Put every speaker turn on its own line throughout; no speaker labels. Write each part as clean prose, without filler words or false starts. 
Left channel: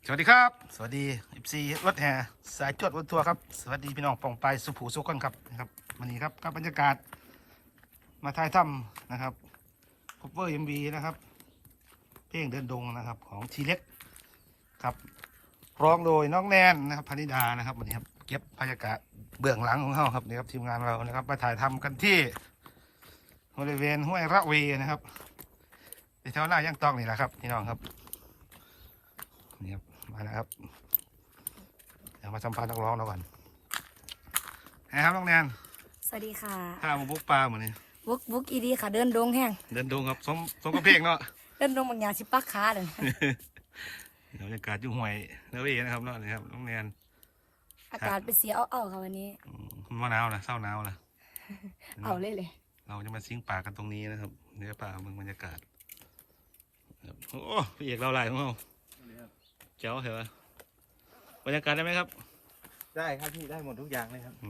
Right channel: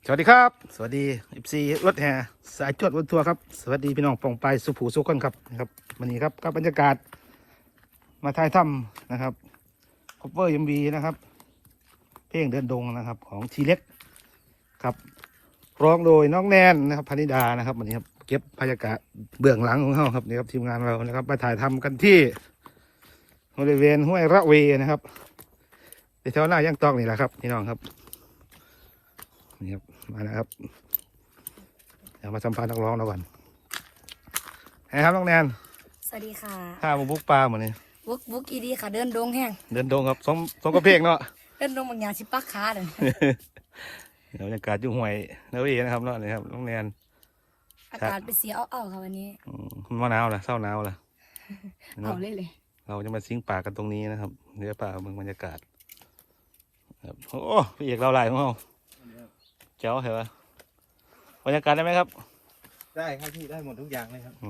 สวัสดีครับสวัสดี14รถแห่สายจวดวันทัวร์ครับสวัสดีพี่น้องปองไปสุภูสุขคนครับนะครับวันนี้ครับกับบรรยากาศมาถ่ายถ้ำนะครับคอปเวอร์MVนะครับเพลงเดินดงนะครับของทีเล็กครับร้องโดยน้องแนนนะครับพนิดานะครับวันนี้ครับเก็บบรรยากาศเบื้องหลังของเราครับนี่ครับทีมงานเรานะครับมาถ่ายทำกันที่บริเวณห้วยระเวนะครับในแถวหน้าย่างตอกนี่แหละครับพี่น้องครับนี่ครับมาแล้วครับเดี๋ยวมาสัมภาษณ์นักร้องเราก่อนไงครับน้องแนน
สวัสดีค่ะ
ข้าวบุกปลาเหมือนนี้
บุกอีดีค่ะเดินดงแห้ง
เดินดงครับสองกระเพกเนาะ
เดินดงบางอย่างสิปักขาเลย
เดี๋ยวบรรยากาศอยู่ห่วยแล้วเองนะครับเนาะนี่ครับน้องแนน
อากาศเป็นเสียเอาค่ะวันนี้
มันหนาวนะเศร้าหนาวนะ
เอาเลย
เราจะมาซิ่งป่ากันตรงนี้นะครับเดี๋ยวป่าเมืองบรรยากาศโอ้พี่เอกเราลายของเราเจ้าเหรอบรรยากาศได้ไหมครับ
ได้ครับพี่ได้หมดทุกอย่างเลยครับ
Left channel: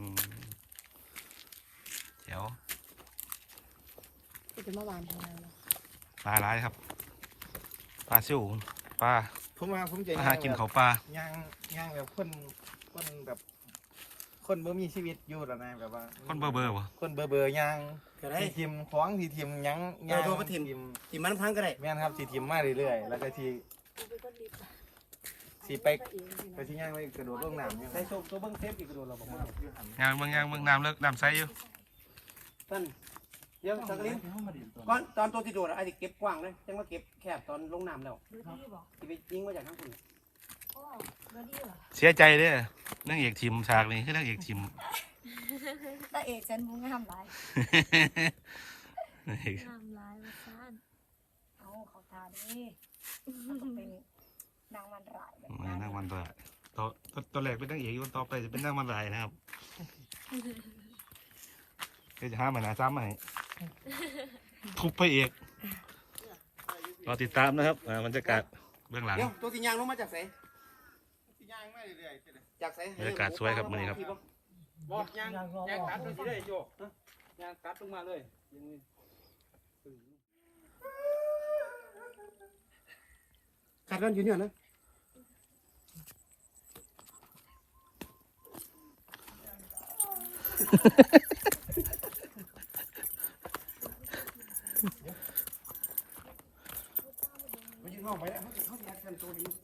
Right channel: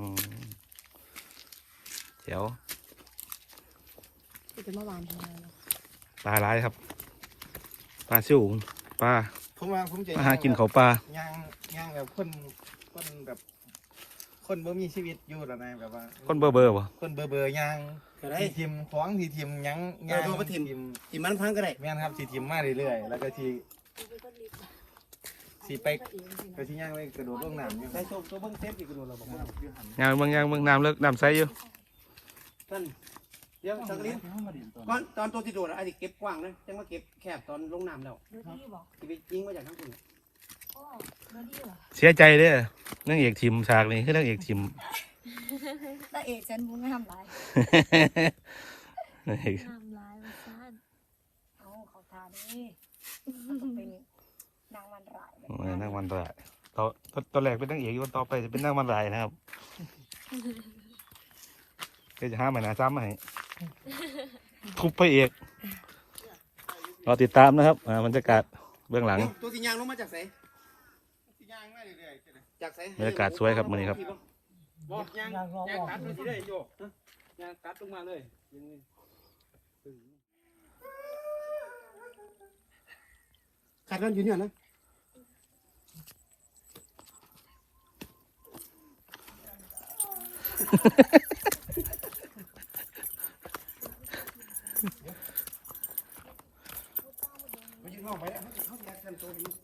เจ้า
จะเมื่อวานทำไม
ปลาร้ายครับปลาชิวปลา
ผมจะ
หากินเขาปลา
ย่างแบบคนแบบคนบ่มีชีวิตอยู่แล้วนะแบบว่า
คนเบอร์วะ
คนเบอร์ย่างทีทิมของทีทิมยัง
ตัวประทิมทีมันพังก็ได้
แม่นครับทีทิมมาเรื่อยๆแล้วก็ทีไปที่ย่างไปกระโดดลงน้ำยัง
ใส่ตัวเบิ้งเซฟอีกกระโดดเราบอกว่า
ย่างเมืองน้ำเลิกน้ำใสอยู่
ท่านเดี๋ยวสักนิดก่อนตอนตัวที่โดดไอ้ที่เก็บกว้างเลยยังมาเก็บแคบตอนลงน้ำแล้วที่ไปยิงมาจากข้างบน
เสียใจเด้อนั่งเอกทีมฉากนี้คือนั่งเอกทีม
ตาเอกฉันบุ้งห้ามร้าย
ห้าม
ร้ายมาซ่านเอาเขาทาดิเป็นนางวันราย
นั่งวันรายตอนแรกเป็นนั่งเอกอยู่ต่อไปจะเป็นนั่งวันรายนะครับก็จะห้ามมันนะซ้ำให้ทุบพระเอกรอติดตามนะครับบรรยากาศเบื้องหลัง
ตัวที่ยางลงมาจากไหนจากไหน
บรรยากาศสวยครับมื้อนี้ครับ
ยางกัดตัวที่ได้โยกยางกัดลงมาเลยกัดกันอยู่เนี่ยนะไม่ยิงนอกไปแล้วเขาอยากกันตัวนี้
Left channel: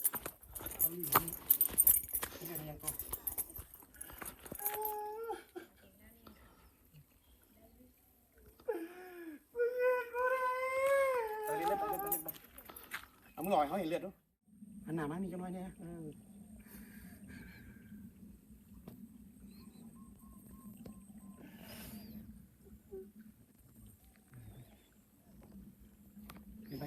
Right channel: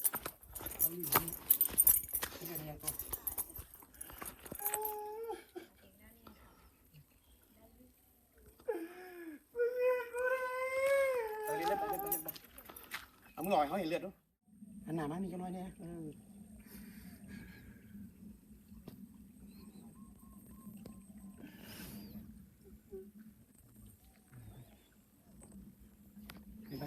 เอามือหน่อยเขาเห็นเลือดด้วยอันหนามานี่ก็น้อยเนี่ยไป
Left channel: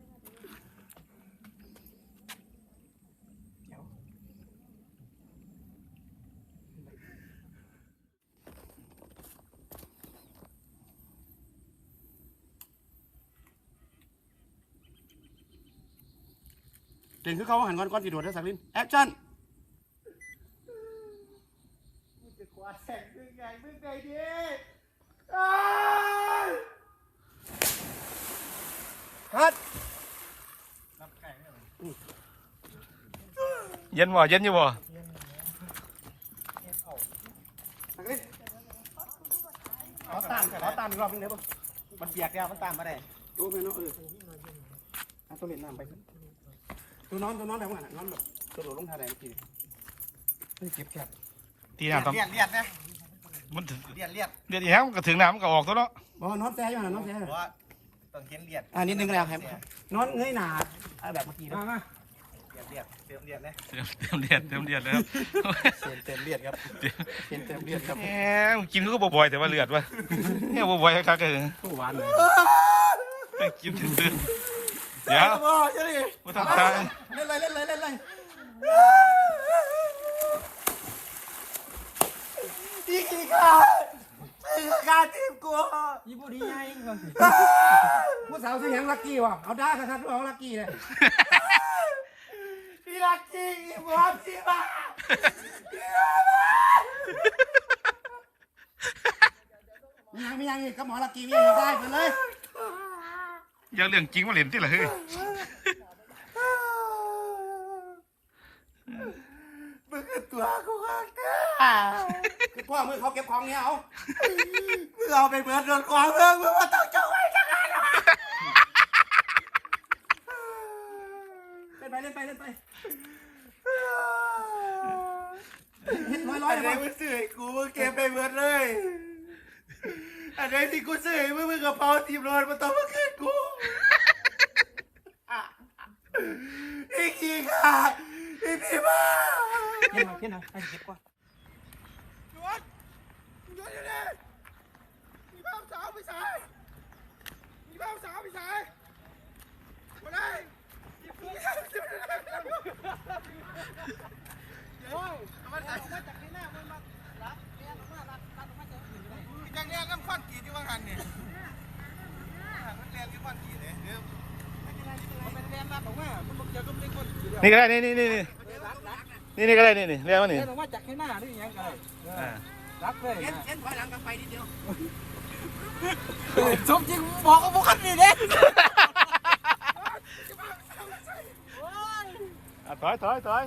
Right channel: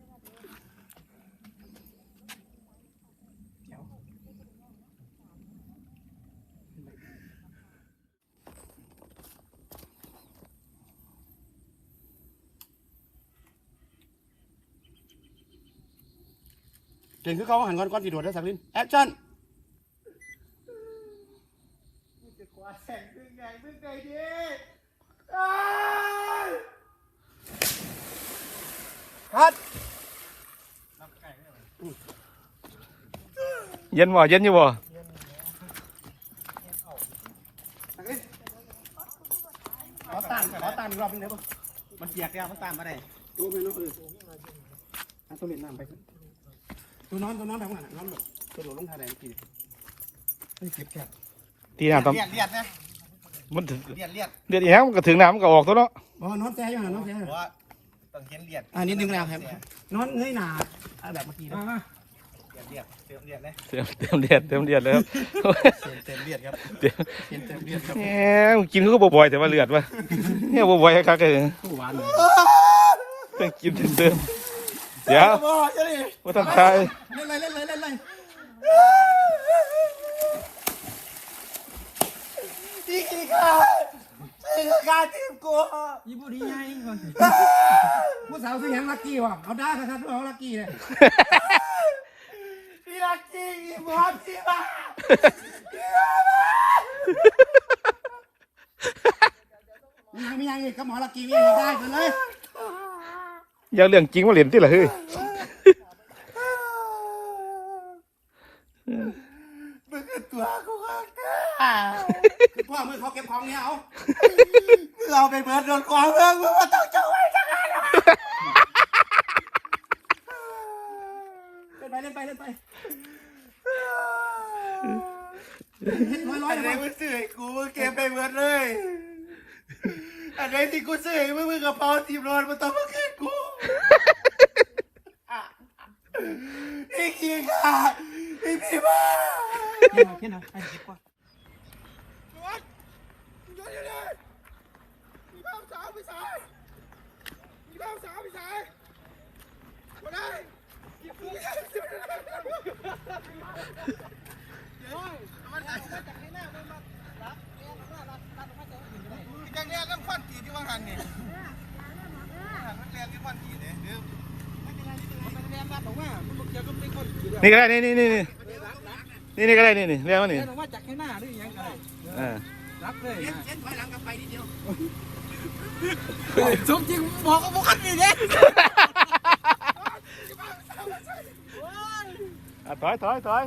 เด่นคือเขาหันก้อนสีโดดได้สักนิดแอคชั่นฮัท
เย็นบ่เย็นอยู่บ่
ขอตามอีกรอบนึงได้ปะมันเปียกแล้วมันตามมาได้ตัวไม่รู้เอาตัวเล่นน้ำไปตัวนอนทำงานนอนแบบกระโดดลงทะเลทีไม่เก็บแคบ
ตีน้ำ
เลียดนะ
มัน
เลียด
อีกแล้วมันก็ถึงน้ำมันก็ออกตัวเนาะ
นอนแซ่อยู่นอนแซ่
เพราะว่าต้องเขียนเลียด
นิดนึงแล้วครับนอนเงยหน้าแบบเมื่อกี้มา
เลียดเติมเลียดเลย
เติมเลียดเลยครับ
เติมเลียดครับ
เติมเลียดครับ
กินก็บ่อยแต่ว่าเลือดวะเนี่ยบ่อยครับเลย
หวาน
เลยกินเติมเดี๋ยวว่าทำไทย
เล่นเลยดีค่ะทีมกูยี่ปุ่นดีไงผู้สาวที่ยังลักกี้วะเอาได้ครับเอาลักกี้เลยพี่ลักกี้บอสพี่มาไม่ยังก็หมอลักกี้ไม่ได้เลย
ยังเรื่องจริงว่าเหรียญที่เหรอเฮ้ย
มึงคือตัวกูข้างเนี่ย
พ่อมึงเขาเก็บของเนี่ยเอา
มึงเอาไปเบิดโดนของมึงมาต้องเจ้าไว้จังไงล่ะ
เล่นไปเล่นไป
อันไหนมึงซื้อให้กูมึงเก็บไปเบิดเลยอันไหนที่กูซื้อให้มึงกระเป๋า10 มันต้องมาคืนกูอีกทีค่ะอีพี่บ้า
เห็นเหรอไอ้เก็บก่อน
จังเนี้ยกันควันกี่ที่ว่าหันนี่มันเรียนที่ควันกี่เนี่ยเดี๋ยว
นี่ก็ได้นี่ก็ได้นี่เรียกว่านี่
มาจากข้างหน้าหรือยังไง
อ่า
รับเลยสมจริงบอกกับพวกนี้เนี่ย
ถอย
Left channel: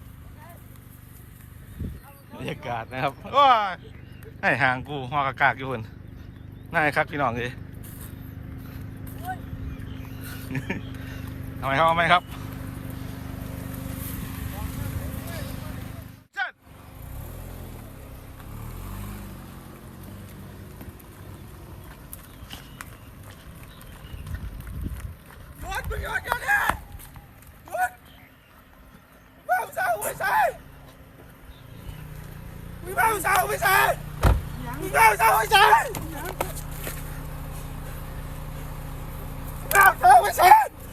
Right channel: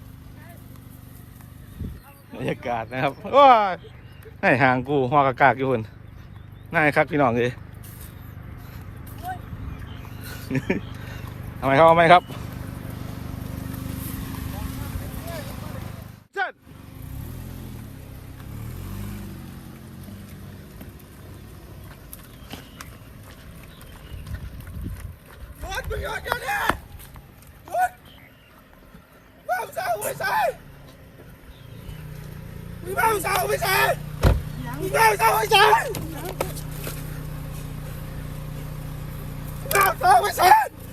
บรรยากาศนะครับโอ้ยให้ห่างกูหัวกากอยู่คนน่าคักพี่น้องเลยทำไมครับเชิญ
หยุดมึงหยุดเดี๋ยวนี้หยุดบ้าสาวไม่ใช่มึงบ้าสาวไม่ใช่มึงบ้าสาวไม่ใช่บ้าสาวไม่ใช่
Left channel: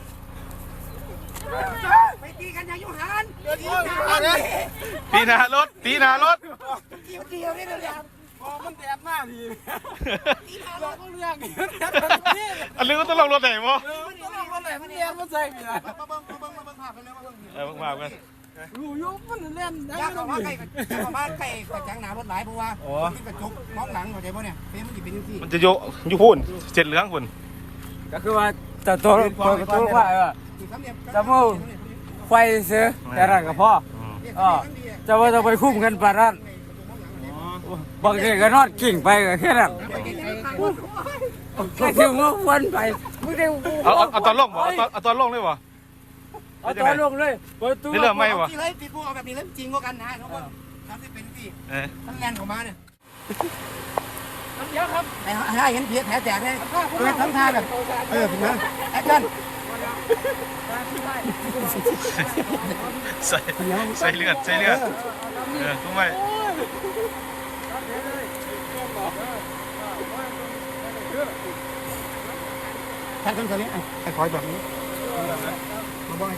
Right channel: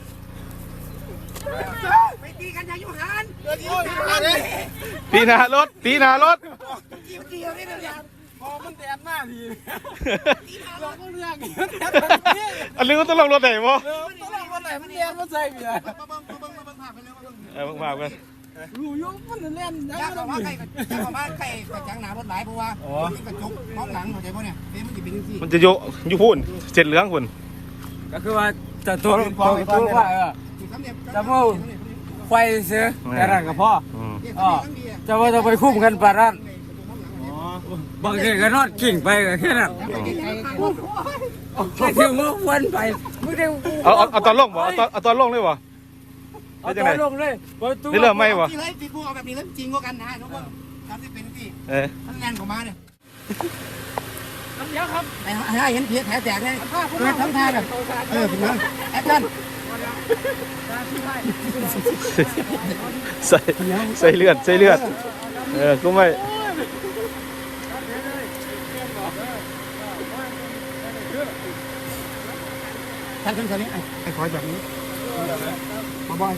ไปตีกันยังอยู่หัน
ตีหน้ารถ
เดียวนี่เลยพอมันแดดมากทีเราก็เรื่องนี้
อันนี้ก็ต้องลงรถไหนวะ
ต้องลองรถไหนมันแดดมันใส่เบียร์
มากเลย
อยู่มันเล่นนะ
ยากกว่าใครบ้านใครกระจังหนารถหลายเพราะว่าที่กระจกมองหลังเข้าใจป่ะเนี่ยนี่มันจะเป็นยังไง
มันจะอยู่พูนเจ็ดเหลืองคุณ
ก็คือว่าจะตัวว่าจะพูดไฟเสือแต่ละกับพ่อจะว่าจะไปคุ้มกันปะนั่นบางทีก็นอนกิ่งไปก็แค่นั้นไปถึงวันไปไม่ได้
เอาตอนลงบ่เอาตอนลงเลยบ่
เอาตัวลงเลย
นี่เริ่มไหมบ่
ที่ไรที่พูดเอาแบบนี้แล้วจริงกว่ากันนะทุกคนทำที่เป็นที่ มันแรงออกมาเนี่ย
มันเยอะครับ
ไอ้เห็นเพียแผลแตกเลยเป็นทำท่าแบบถึงมาแอคชั่น
ใส่เลือดกูไม่
ท่านคนนี้ไอ้คอยแบบนี้มาบ่อย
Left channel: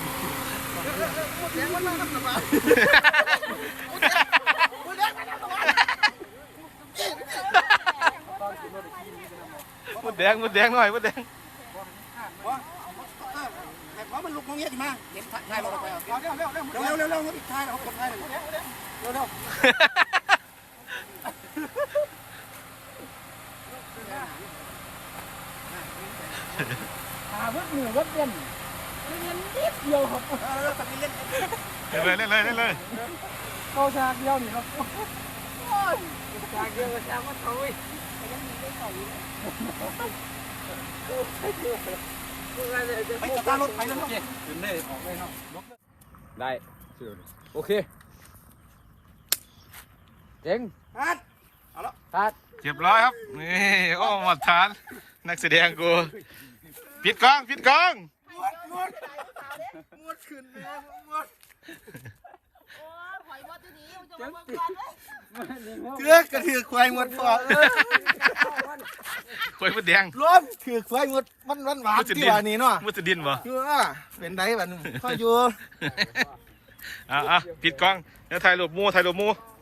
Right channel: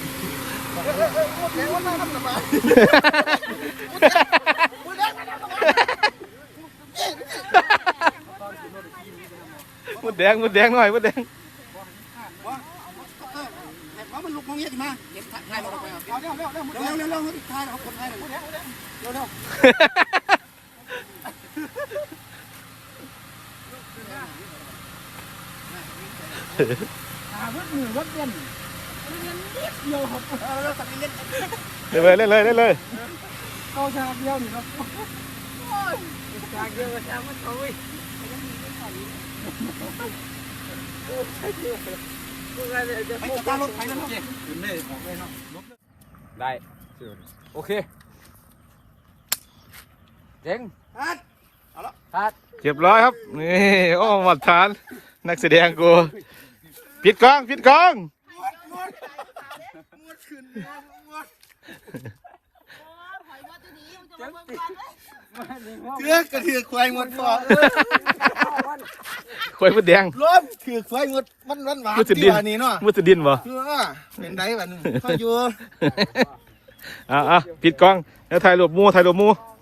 มดแดงหน่อยมดแดง
เพราะมันลุกมองเงี้ยมาเด็กถ่ายเราไปเร็วถ่ายเราคนถ่ายเลยเร็ว
วัดเหนือวัดเด่นเดียวครับ
เล่นเลย
เข้าฉากเดียวนี่ครับฉากเดียวกับฉากมันโอ้ย
ไปจับตารถไปนั่นเอง
คุณได้ออกไปครับได้โอเคเจ๋ง
ฮัท
เรียบร้อยครับนี่โอ้หมัดฐานนักแสดงกูปิดกล้อง
เถือกระถือควายหมดฟอง
ควายมดแดง
ร้อนถือควายหมดมันหวานที่ว่านี่เนาะ
มุสดินบ่
คือเป็นไดแบบเขาอยู่
ปิดกล้องแล้วถ่ายรูปหมู